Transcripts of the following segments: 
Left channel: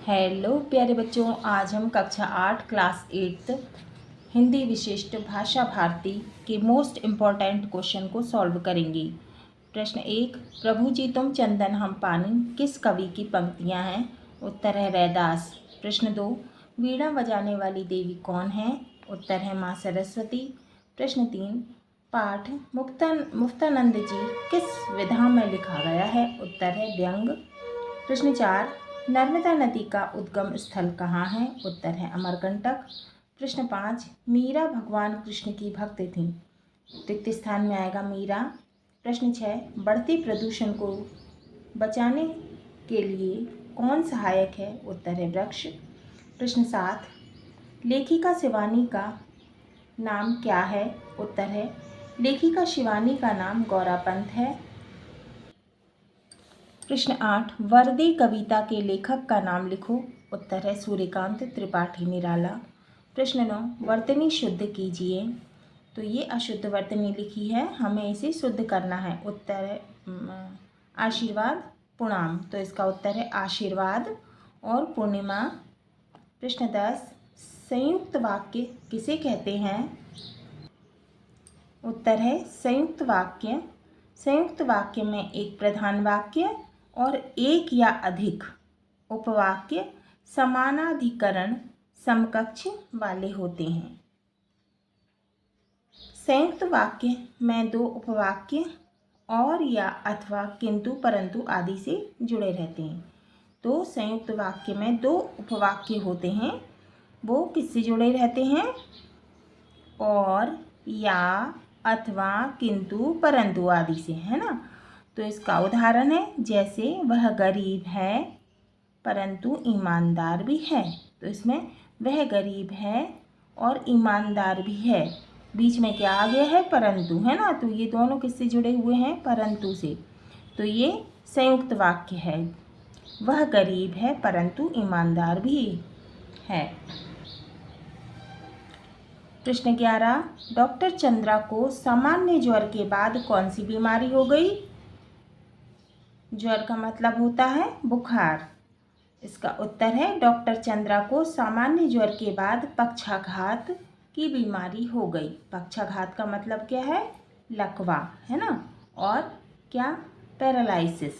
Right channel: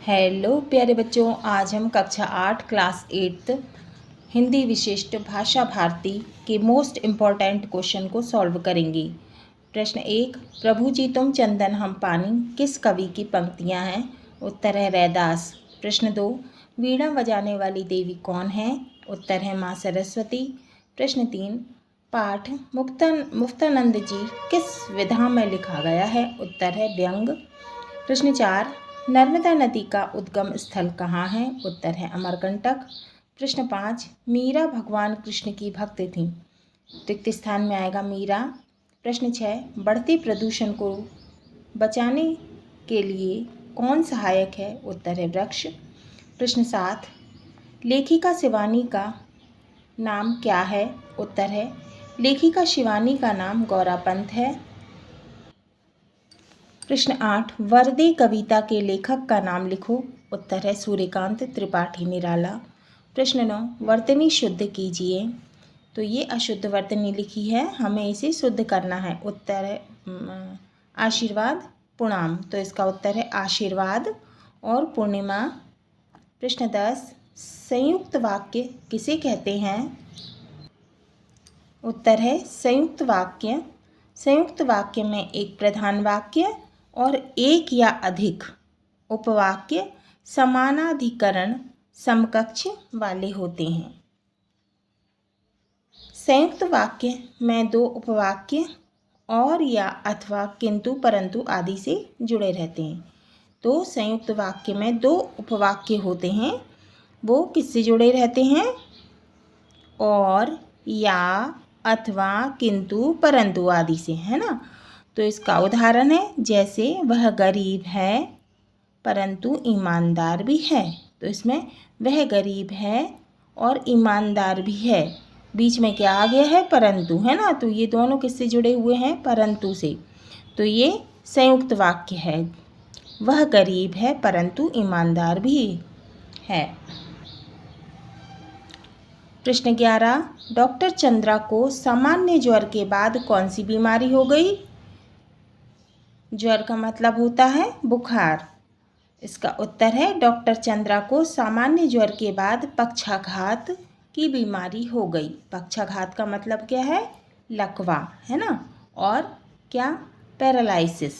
Hello प्यारे बच्चों, आज हम कक्षा 8 क्लास 8 हिंदी विशिष्ट भाषा भारती के मोस्ट इम्पॉर्टेंट क्वेश्चन को सॉल्व करेंगे। प्रश्न 1, प्रभु जी तुम चंदन हम पानी किस कवि की पंक्तियां हैं? उत्तर है रैदास। प्रश्न 2, वीणा बजाने वाली देवी कौन है? उत्तर है माँ सरस्वती। प्रश्न 3, पाठ मुक्तानंद जी किस विधा में लिखा गया है? उत्तर है व्यंग। प्रश्न 4, नर्मदा नदी का उद्गम स्थल कहाँ है? उत्तर है अमरकंटक। प्रश्न 5, मीरा भगवान कृष्ण की भक्त थी। रिक्त स्थान में आएगा मीरा। प्रश्न 6, बढ़ते प्रदूषण को बचाने के लिए कौन सहायक है? उत्तर है वृक्ष। प्रश्न 7, लेखिका शिवानी का नाम क्या है? उत्तर है लेखिका शिवानी का नाम गौरा पंत है। प्रश्न 8, वरदे कविता के लेखक का नाम लिखो। उत्तर है सूर्यकांत त्रिपाठी निराला। प्रश्न 9, वर्तनी शुद्ध कीजिए। तो ये अशुद्ध वर्तनी लिखी है, हमें इसे शुद्ध करना है। उत्तर है आशीर्वाद पुणाम, तो इसका उत्तर है आशीर्वाद और पूर्णिमा। प्रश्न 10, संयुक्त वाक्य किसे कहते हैं? उत्तर है संयुक्त वाक्य। संयुक्त वाक्य में एक प्रधान वाक्य और एक या अधिक उपवाक्य समानाधिकरण समकक्ष वाले होते हैं। संयुक्त वाक्य में दो उपवाक्य और या अथवा किंतु परंतु आदि से जुड़े रहते हैं। तो संयुक्त वाक्य में दो उपवाक्य होते हैं, वो किससे जुड़े रहते हैं? और या अथवा किंतु परंतु आदि से, है ना। तो इसका उदाहरण है जैसे वह गरीब है परंतु ईमानदार भी है। तो इसमें वह गरीब है और ईमानदार भी है, बीच में क्या आ गया है? परंतु, है ना। तो ये दोनों किससे जुड़े हुए हैं? परंतु से। तो ये संयुक्त वाक्य है। वह गरीब है परंतु ईमानदार भी है। प्रश्न 11, डॉक्टर चंद्रा को सामान्य ज्वर के बाद कौन सी बीमारी हो गई? ज्वर का मतलब होता है बुखार। इसका उत्तर है डॉक्टर चंद्रा को सामान्य ज्वर के बाद पक्षाघात की बीमारी हो गई। पक्षाघात का मतलब क्या है? लकवा, है ना। और क्या? पैरालिसिस।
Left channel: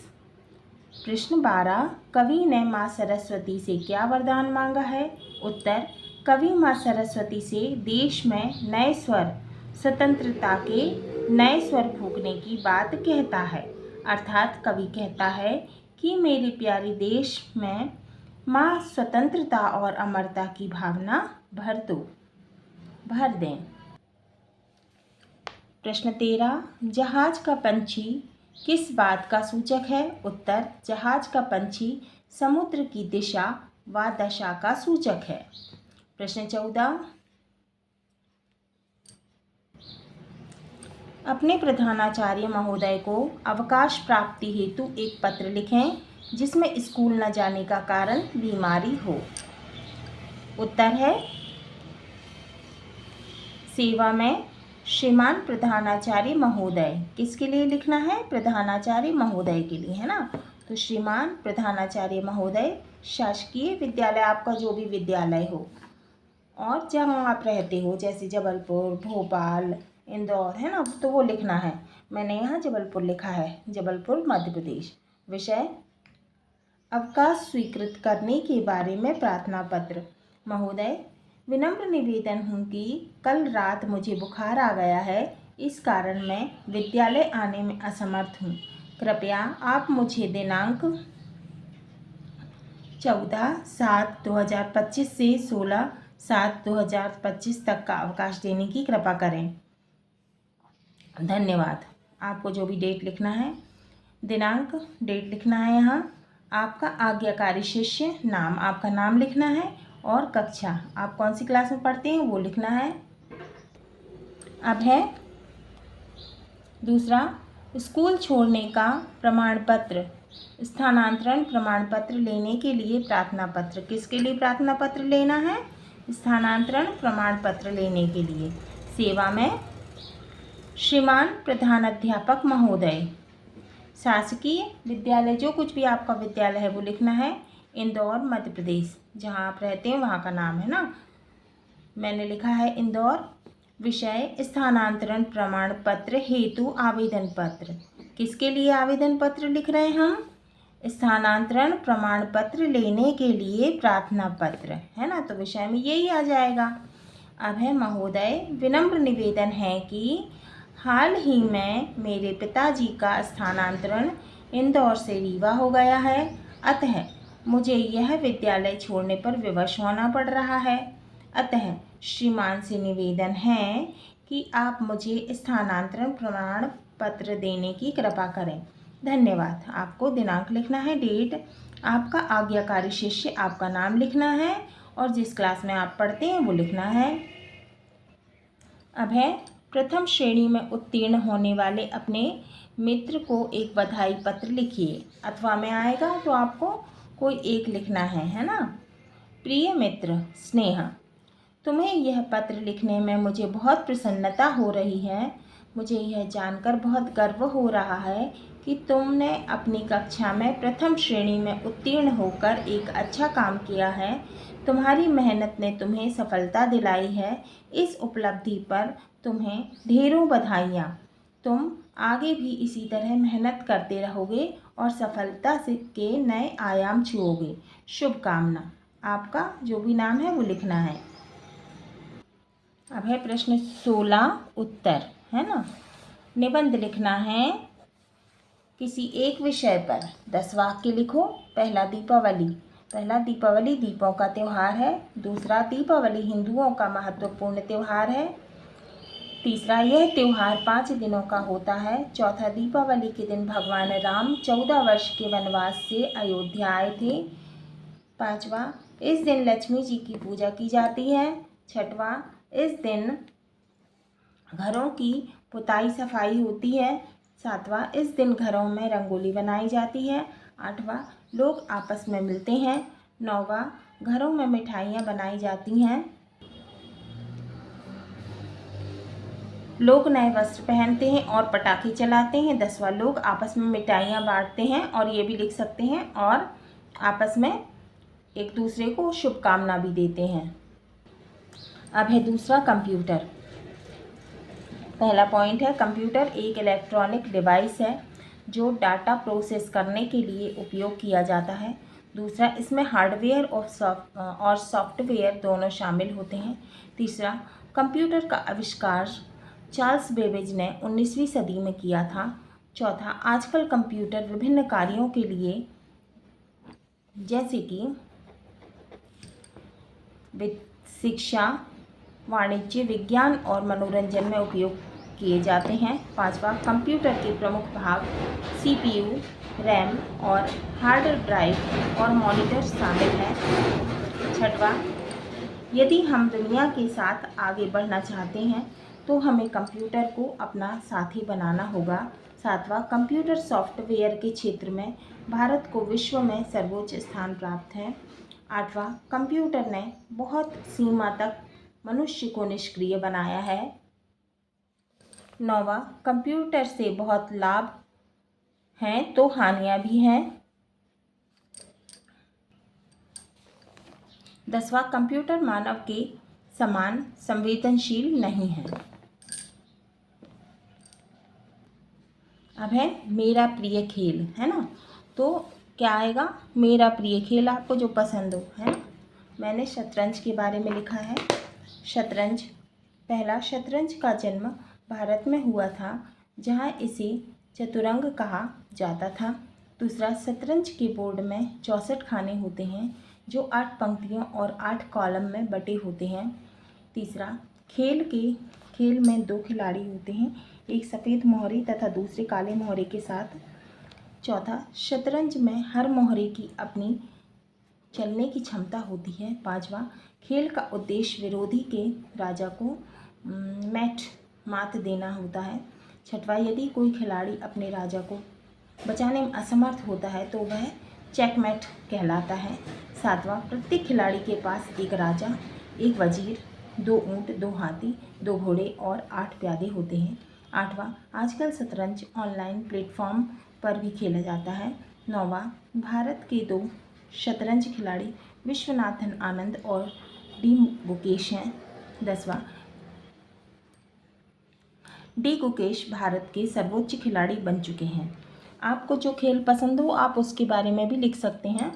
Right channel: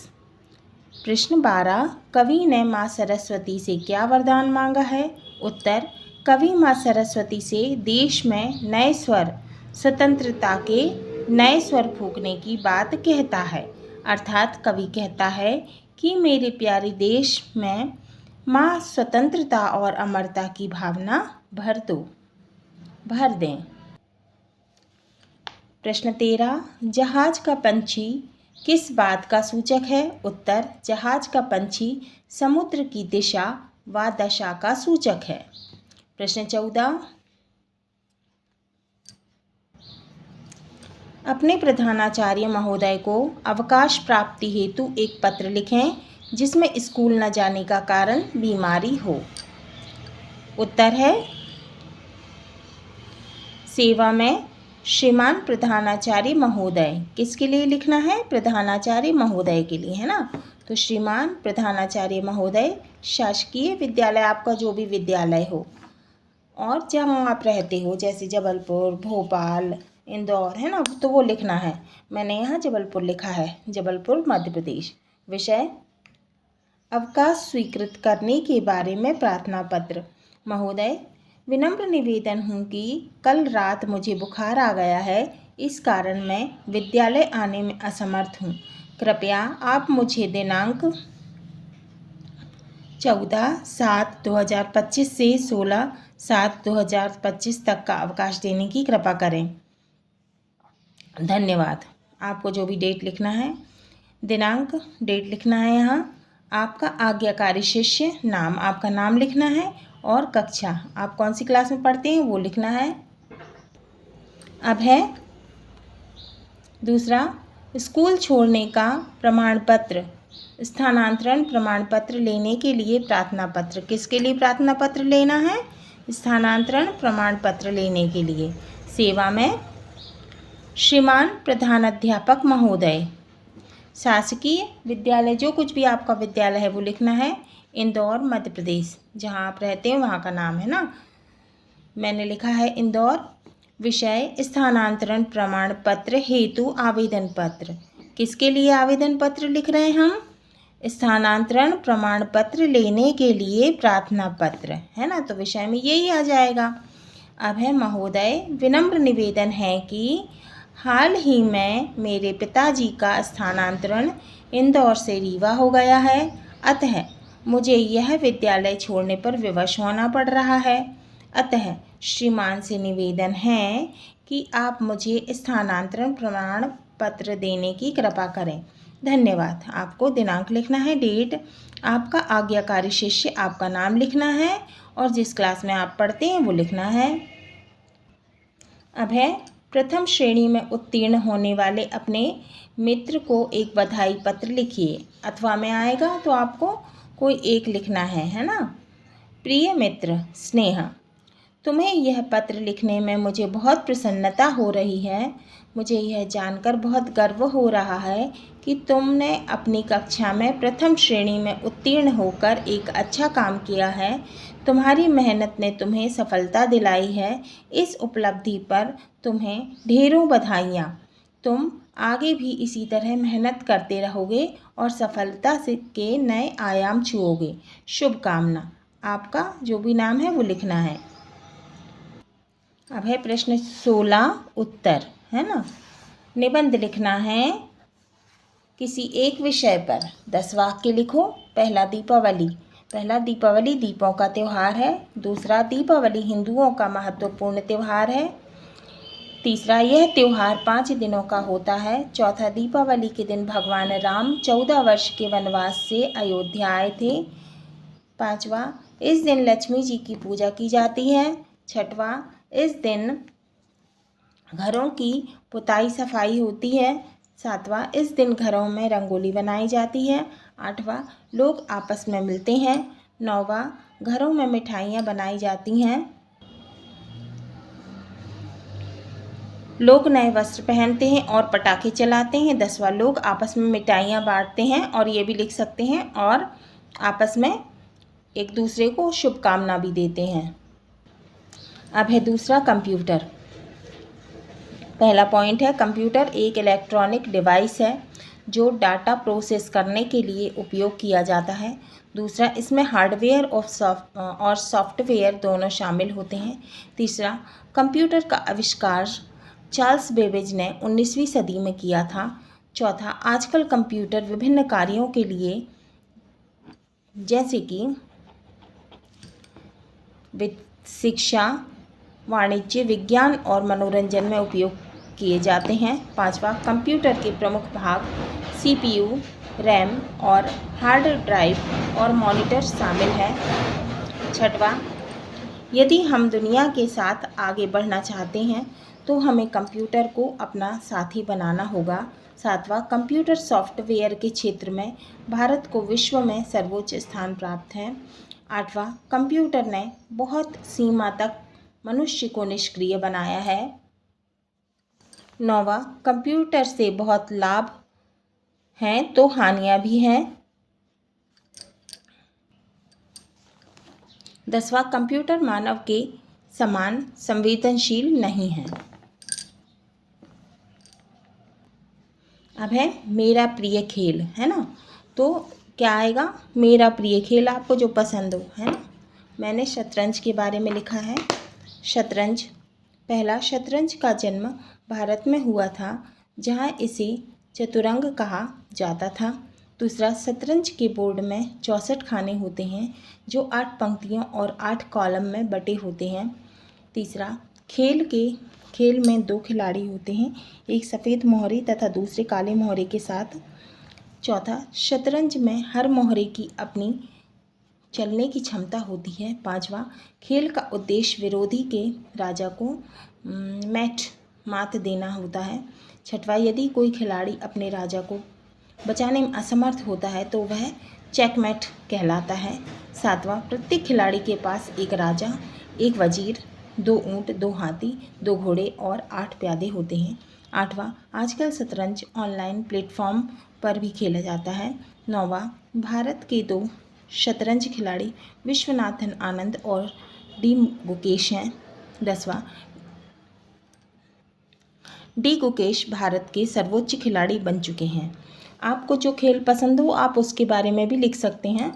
प्रश्न 12, कवि ने माँ सरस्वती से क्या वरदान मांगा है? उत्तर, कवि माँ सरस्वती से देश में नए स्वर, स्वतंत्रता के नए स्वर फूंकने की बात कहता है। अर्थात कवि कहता है कि मेरे प्यारे देश में माँ स्वतंत्रता और अमरता की भावना भर दें। प्रश्न 13, जहाज का पंछी किस बात का सूचक है? उत्तर, जहाज का पंछी समुद्र की दिशा व दशा का सूचक है। प्रश्न 14, अपने प्रधानाचार्य महोदय को अवकाश प्राप्ति हेतु एक पत्र लिखें जिसमें स्कूल न जाने का कारण बीमारी हो। उत्तर है सेवा में श्रीमान प्रधानाचार्य महोदय। किसके लिए लिखना है? प्रधानाचार्य महोदय के लिए, है ना। तो श्रीमान प्रधानाचार्य महोदय, शासकीय विद्यालय, आपका जो भी विद्यालय हो और जहाँ आप रहते हो, जैसे जबलपुर, भोपाल, इंदौर, है ना, तो वो लिखना है। मैंने यहाँ जबलपुर लिखा है, जबलपुर मध्य प्रदेश। विषय अवकाश स्वीकृत करने के बारे में प्रार्थना पत्र। महोदय, विनम्र निवेदन हूँ कि कल रात मुझे बुखार आ गया है, इस कारण मैं विद्यालय आने में असमर्थ हूँ। कृपया आप मुझे दिनांक 14/7/2025 से 16/7/2025 तक का अवकाश देने की कृपा करें। धन्यवाद। आपको जो भी डेट लिखना है, दिनांक, डेट लिखना है यहाँ। आपका आज्ञाकारी शिष्य, नाम, आपका नाम लिखना है और कक्षा, आप कौन सी क्लास में पढ़ते हैं वो लिखना है। अब है दूसरा, स्कूल छोड़ने का प्रमाण पत्र, स्थानांतरण प्रमाण पत्र लेने के लिए प्रार्थना पत्र। किसके लिए प्रार्थना पत्र लेना है? स्थानांतरण प्रमाण पत्र लेने के लिए। सेवा में श्रीमान प्रधानाध्यापक महोदय, शासकीय विद्यालय, जो कुछ भी आपका विद्यालय है वो लिखना है। इंदौर मध्य प्रदेश, जहाँ आप रहते हैं वहाँ का नाम है ना। मैंने लिखा है इंदौर। विषय स्थानांतरण प्रमाण पत्र हेतु आवेदन पत्र। किसके लिए आवेदन पत्र लिख रहे हैं हम? स्थानांतरण प्रमाण पत्र लेने के लिए प्रार्थना पत्र, है ना। तो विषय में यही आ जाएगा। अब है महोदय, विनम्र निवेदन है कि हाल ही में मेरे पिताजी का स्थानांतरण इंदौर से रीवा हो गया है, अतः मुझे यह विद्यालय छोड़ने पर विवश होना पड़ रहा है। अतः श्रीमान से निवेदन है कि आप मुझे स्थानांतरण प्रमाण पत्र देने की कृपा करें। धन्यवाद। आपको दिनांक लिखना है, डेट, आपका आज्ञाकारी शिष्य, आपका नाम लिखना है और जिस क्लास में आप पढ़ते हैं वो लिखना है। अब है प्रथम श्रेणी में उत्तीर्ण होने वाले अपने मित्र को एक बधाई पत्र लिखिए। अथवा में आएगा तो आपको कोई एक लिखना है ना। प्रिय मित्र स्नेहा, तुम्हें यह पत्र लिखने में मुझे बहुत प्रसन्नता हो रही है। मुझे यह जानकर बहुत गर्व हो रहा है कि तुमने अपनी कक्षा में प्रथम श्रेणी में उत्तीर्ण होकर एक अच्छा काम किया है। तुम्हारी मेहनत ने तुम्हें सफलता दिलाई है। इस उपलब्धि पर तुम्हें ढेरों बधाइयाँ। तुम आगे भी इसी तरह मेहनत करते रहोगे और सफलता से के नए आयाम छुओगे। शुभकामना। आपका जो भी नाम है वो लिखना है। अब है प्रश्न 16 उत्तर, है ना। निबंध लिखना है किसी एक विषय पर। 10 वाक्य लिखो। पहला दीपावली दीपों का त्यौहार है। दूसरा, दीपावली हिंदुओं का महत्वपूर्ण त्यौहार है। तीसरा, यह त्यौहार 5 दिनों का होता है। चौथा, दीपावली के दिन भगवान राम 14 वर्ष के वनवास से अयोध्या आए थे। पांचवा, इस दिन लक्ष्मी जी की पूजा की जाती है। छठवां, इस दिन घरों की पुताई सफाई होती है। सातवां, इस दिन घरों में रंगोली बनाई जाती है। आठवां, लोग आपस में मिलते हैं। नौवां, घरों में मिठाइयाँ बनाई जाती हैं। लोग नए वस्त्र पहनते हैं और पटाखे चलाते हैं। 10वां, लोग आपस में मिठाइयाँ बांटते हैं, और ये भी लिख सकते हैं, और आपस में एक दूसरे को शुभकामना भी देते हैं। अब है दूसरा, कंप्यूटर। पहला पॉइंट है, कंप्यूटर एक इलेक्ट्रॉनिक डिवाइस है जो डाटा प्रोसेस करने के लिए उपयोग किया जाता है। दूसरा, इसमें हार्डवेयर और सॉफ्टवेयर दोनों शामिल होते हैं। तीसरा, कंप्यूटर का आविष्कार चार्ल्स बेबेज ने 19वीं सदी में किया था। चौथा, आजकल कंप्यूटर विभिन्न कार्यों के लिए, जैसे कि शिक्षा, वाणिज्य, विज्ञान और मनोरंजन में उपयोग किए जाते हैं। पांचवा, कंप्यूटर के प्रमुख भाग CPU, रैम और हार्ड ड्राइव और मॉनिटर शामिल है। छठवां, यदि हम दुनिया के साथ आगे बढ़ना चाहते हैं तो हमें कंप्यूटर को अपना साथी बनाना होगा। सातवां, कंप्यूटर सॉफ्टवेयर के क्षेत्र में भारत को विश्व में सर्वोच्च स्थान प्राप्त है। आठवां, कंप्यूटर ने बहुत सीमा तक मनुष्य को निष्क्रिय बनाया है। नौवां, कंप्यूटर से बहुत लाभ हैं तो हानियां भी हैं। 10वां, कंप्यूटर मानव के समान संवेदनशील नहीं है। अब है मेरा प्रिय खेल, है ना। तो क्या आएगा? मेरा प्रिय खेल, आपको जो पसंद हो, है ना। मैंने शतरंज के बारे में लिखा है। शतरंज, पहला, शतरंज का जन्म भारत में हुआ था, जहाँ इसे चतुरंग कहा जाता था। दूसरा, शतरंज के बोर्ड में 64 खाने होते हैं जो 8 पंक्तियों और 8 कॉलम में बटे होते हैं। तीसरा, खेल में 2 खिलाड़ी होते हैं, एक सफ़ेद मोहरे तथा दूसरे काले मोहरे के साथ। चौथा, शतरंज में हर मोहरे की अपनी चलने की क्षमता होती है। पांचवा, खेल का उद्देश्य विरोधी के राजा को मात देना होता है। छठवां, यदि कोई खिलाड़ी अपने राजा को बचाने में असमर्थ होता है तो वह चेकमेट कहलाता है। सातवां, प्रत्येक खिलाड़ी के पास एक राजा, एक वजीर, 2 ऊंट, 2 हाथी, 2 घोड़े और 8 प्यादे होते हैं। आठवां, आजकल शतरंज ऑनलाइन प्लेटफॉर्म पर भी खेला जाता है। नौवां, भारत के 2 शतरंज खिलाड़ी विश्वनाथन आनंद और डी गुकेश हैं। 10वां, डी गुकेश भारत के सर्वोच्च खिलाड़ी बन चुके हैं। आपको जो खेल पसंद हो आप उसके बारे में भी लिख सकते हैं।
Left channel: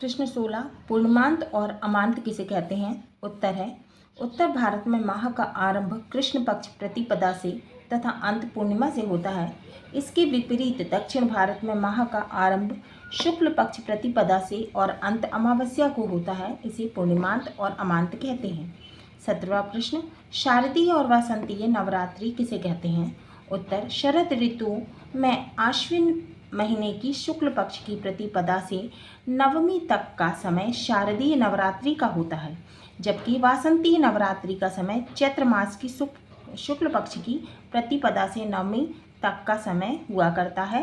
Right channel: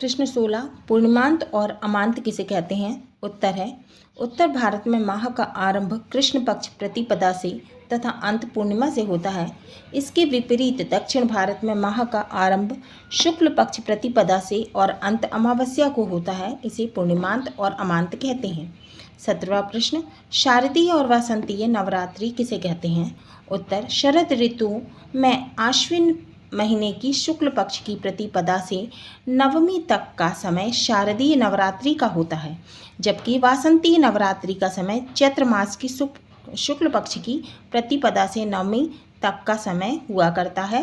प्रश्न 16, पूर्णिमांत और अमांत किसे कहते हैं? उत्तर है, उत्तर भारत में माह का आरंभ कृष्ण पक्ष प्रतिपदा से तथा अंत पूर्णिमा से होता है। इसके विपरीत दक्षिण भारत में माह का आरंभ शुक्ल पक्ष प्रतिपदा से और अंत अमावस्या को होता है। इसे पूर्णिमांत और अमांत कहते हैं। 17वां प्रश्न, शारदीय और वासंतीय नवरात्रि किसे कहते हैं? उत्तर, शरद ऋतु में आश्विन महीने की शुक्ल पक्ष की प्रतिपदा से नवमी तक का समय शारदीय नवरात्रि का होता है, जबकि वासंतीय नवरात्रि का समय चैत्र मास की शुक्ल पक्ष की प्रतिपदा से नवमी तक का समय हुआ करता है।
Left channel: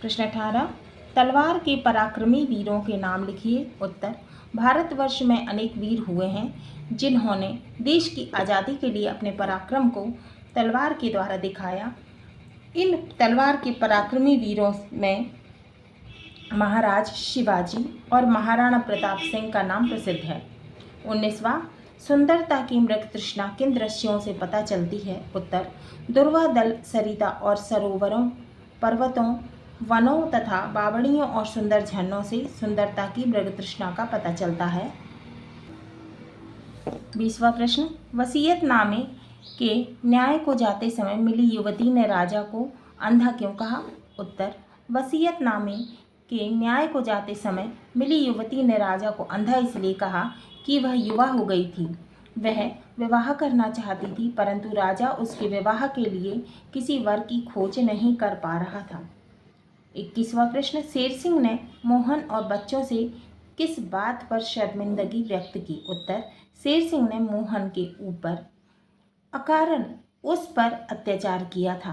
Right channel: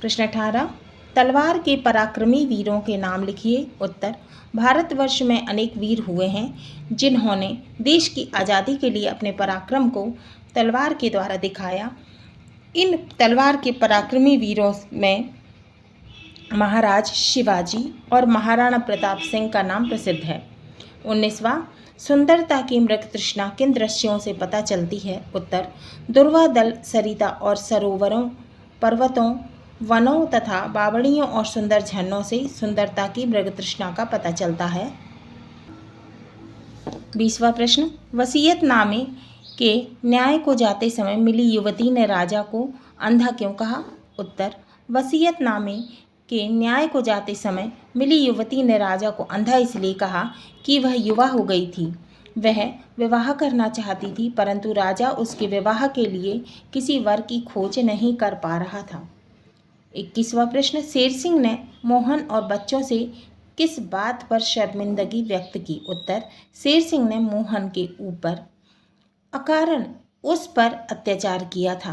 प्रश्न 18, तलवार के पराक्रमी वीरों के नाम लिखिए। उत्तर, भारतवर्ष में अनेक वीर हुए हैं जिन्होंने देश की आज़ादी के लिए अपने पराक्रम को तलवार के द्वारा दिखाया। इन तलवार के पराक्रमी वीरों में महाराज शिवाजी और महाराणा प्रताप सिंह का नाम प्रसिद्ध है। 19वां, सुंदरता की मृग तृष्णा किन दृश्यों से पता चलती है? उत्तर, दुर्वा दल, सरिता और सरोवरों, पर्वतों, वनों तथा बावड़ियों और सुंदर झरनों से सुंदरता की मृग तृष्णा का पता चलता है। 20वां प्रश्न, वसीयतनामे के न्याय को जाते समय मिली युवती ने राजा को अंधा क्यों कहा? उत्तर, वसीयतनामे के न्याय को जाते समय मिली युवती ने राजा को अंधा इसलिए कहा कि वह युवा हो गई थी। वह विवाह करना चाहती थी, परंतु राजा उसके विवाह के लिए किसी वर की खोज नहीं कर पा रहा था। 21वां प्रश्न, शेर सिंह ने मोहन और बच्चों से किस बात पर शर्मिंदगी व्यक्त की? उत्तर, शेर सिंह ने मोहन के ऊपर अकारण उस पर अत्याचार किया था।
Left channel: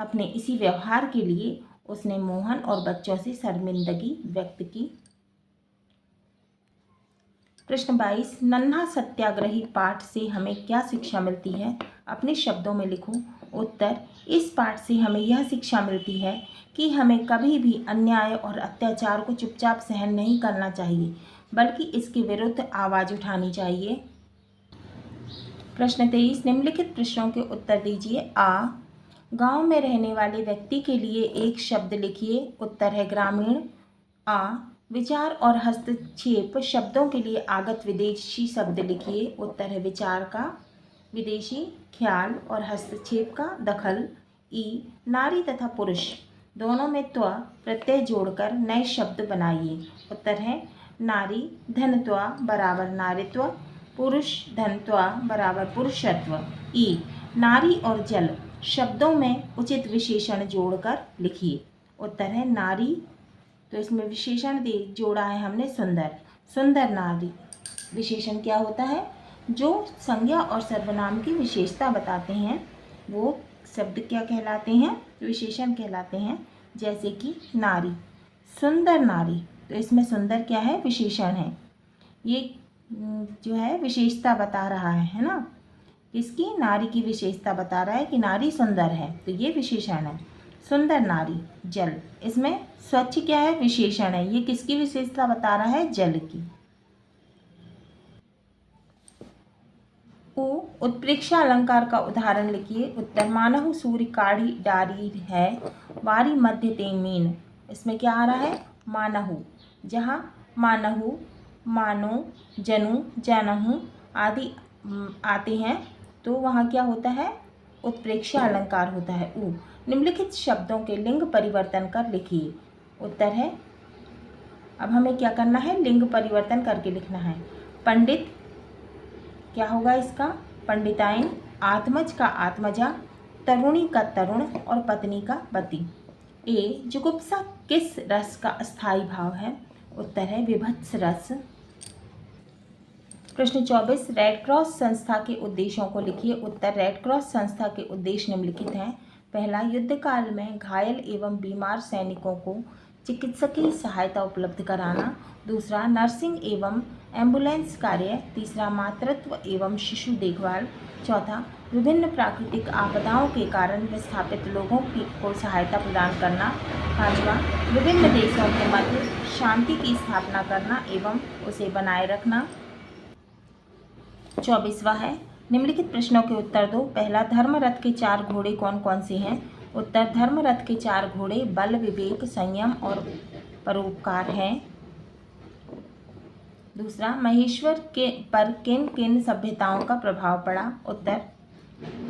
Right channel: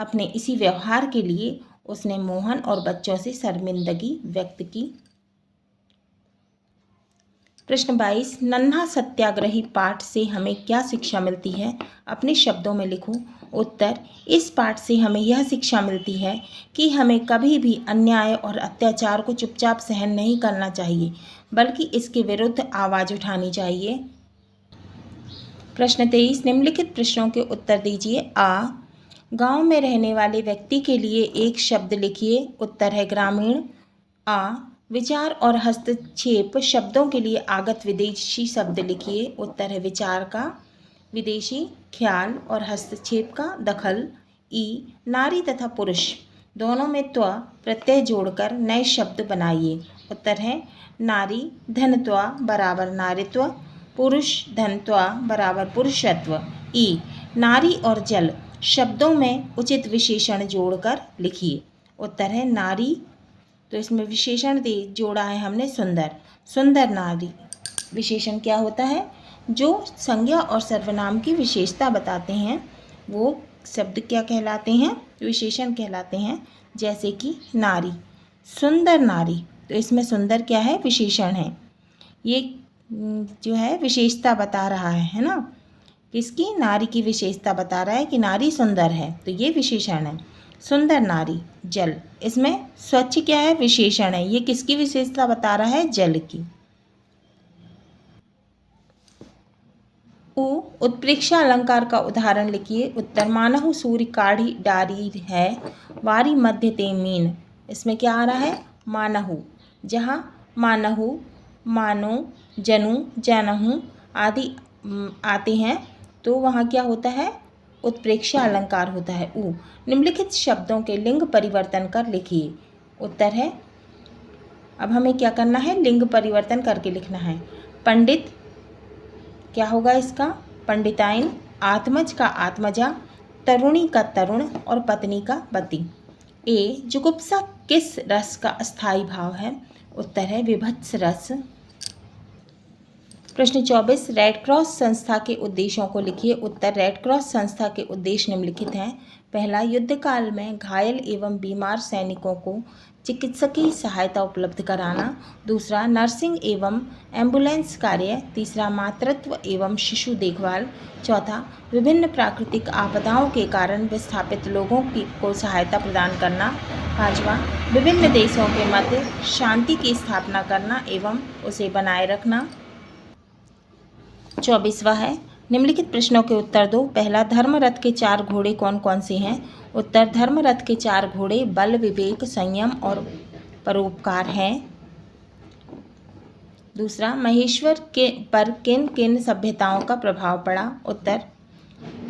अपने इसी व्यवहार के लिए उसने मोहन और बच्चों से शर्मिंदगी व्यक्त की। प्रश्न 22, नन्हा सत्याग्रही पाठ से हमें क्या शिक्षा मिलती है? अपने शब्दों में लिखो। उत्तर, इस पाठ से हमें यह शिक्षा मिलती है कि हमें कभी भी अन्याय और अत्याचार को चुपचाप सहन नहीं करना चाहिए, बल्कि इसके विरुद्ध आवाज़ उठानी चाहिए। प्रश्न 23, निम्नलिखित प्रश्नों के उत्तर दीजिए। आ, गांव में रहने वाले व्यक्ति के लिए एक शब्द लिखिए। उत्तर है ग्रामीण। आ, विचार और हस्तक्षेप शब्दों के लिए आगत विदेशी शब्द लिखिए। उत्तर है विचार का विदेशी, ख्याल और हस्तक्षेप का दखल। ई, नारी तथा पुरुष दोनों में त्व प्रत्यय जोड़कर नए शब्द बनाइए। उत्तर है नारी धनत्व बराबर नारित्व, पुरुष धनत्व बराबर पुरुषत्व। ई, नारी और जल शब्दों में उचित विशेषण जोड़कर लिखिए। उत्तर है नारी, तो इसमें विशेषण जोड़ा है हमने सुंदर। सुंदर नारी विशेषण क्या होता है? जो संज्ञा और सर्वनाम की विशेषता बताते हैं वो शब्द क्या कहलाते हैं? विशेषण कहलाते हैं। जैसे कि नारी, सुंदर नारी, तो इसमें सुंदर क्या है? विशेषण है। ये जो है विशेषता बता रहा है ना, किसकी? नारी की विशेषता बता रहा है कि नारी सुंदर है, तो ये विशेषण है। सुंदर नारी। जल, इसमें स्वच्छ क्या है? विशेषण है। ये किसकी विशेषता बता रहा है? जल की। उ, उत्प्रेक्षा अलंकार का उदाहरण लिखिए। उत्तर, मानहु सूर्य काढ़ी डारी है, वारी मध्य ते मीन। इसमें क्या आ रहा है? मानहु। जहाँ मानहु, मानो, जनु, जानहु आदि आते हैं तो वहाँ क्या होता है? उत्प्रेक्षा अलंकार होता है। उ, निम्नलिखित शब्दों के लिंग परिवर्तन कर लिखिए। उत्तर है, अब हमें क्या करना है? लिंग परिवर्तन करके लिखना है। पंडित क्या होगा इसका? पंडिताइन। आत्मज का आत्मजा, तरुणी का तरुण और पत्नी का पति। ए, जुगुप्सा किस रस का अस्थायी भाव है? उत्तर है विभत्स रस। प्रश्न 24, रेड क्रॉस संस्था के उद्देश्यों को लिखिए। उत्तर, रेड क्रॉस संस्था के उद्देश्य निम्नलिखित हैं। पहला, युद्ध काल में घायल एवं बीमार सैनिकों को चिकित्सकीय सहायता उपलब्ध कराना। दूसरा, नर्सिंग एवं एम्बुलेंस कार्य। तीसरा, मातृत्व एवं शिशु देखभाल। चौथा, विभिन्न प्राकृतिक आपदाओं के कारण विस्थापित लोगों को सहायता प्रदान करना। पांचवा, विभिन्न देशों के मध्य शांति की स्थापना करना एवं उसे बनाए रखना। 24वां है, निम्नलिखित प्रश्नों के उत्तर दो। पहला, धर्मरथ के 4 घोड़े कौन कौन से हैं? उत्तर, धर्मरथ के 4 घोड़े बल, विवेक, संयम और परोपकार हैं। दूसरा, महेश्वर के पर किन किन सभ्यताओं का प्रभाव पड़ा? उत्तर,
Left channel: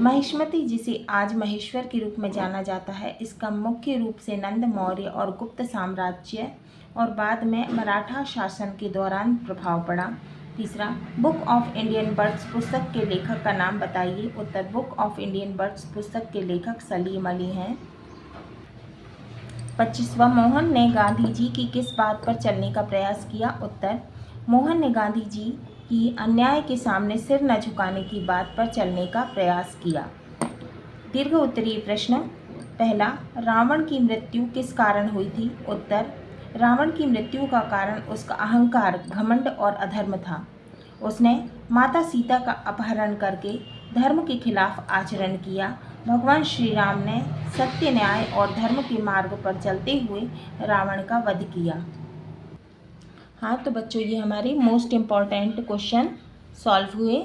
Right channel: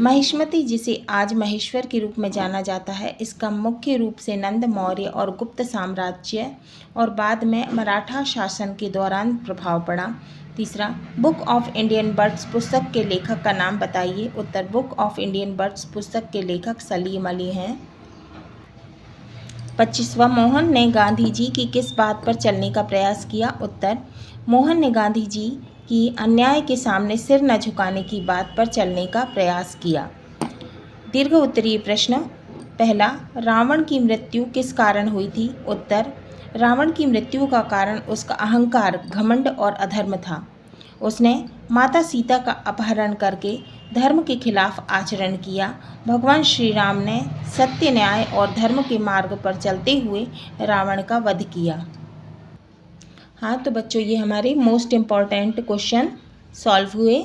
महिष्मती, जिसे आज महेश्वर के रूप में जाना जाता है, इसका मुख्य रूप से नंद, मौर्य और गुप्त साम्राज्य और बाद में मराठा शासन के दौरान प्रभाव पड़ा। तीसरा, बुक ऑफ इंडियन बर्ड्स पुस्तक के लेखक का नाम बताइए। उत्तर, बुक ऑफ इंडियन बर्ड्स पुस्तक के लेखक सलीम अली हैं। 25वां, मोहन ने गांधी जी की किस बात पर चलने का प्रयास किया? उत्तर, मोहन ने गांधी जी की अन्याय के सामने सिर न झुकाने की बात पर चलने का प्रयास किया। दीर्घ उत्तरीय प्रश्न। पहला, रावण की मृत्यु किस कारण हुई थी? उत्तर, रावण की मृत्यु का कारण उसका अहंकार, घमंड और अधर्म था। उसने माता सीता का अपहरण करके धर्म के खिलाफ आचरण किया। भगवान श्री राम ने सत्य, न्याय और धर्म के मार्ग पर चलते हुए रावण का वध किया। हाँ तो बच्चों, ये हमारे मोस्ट इम्पॉर्टेंट क्वेश्चन सॉल्व हुए।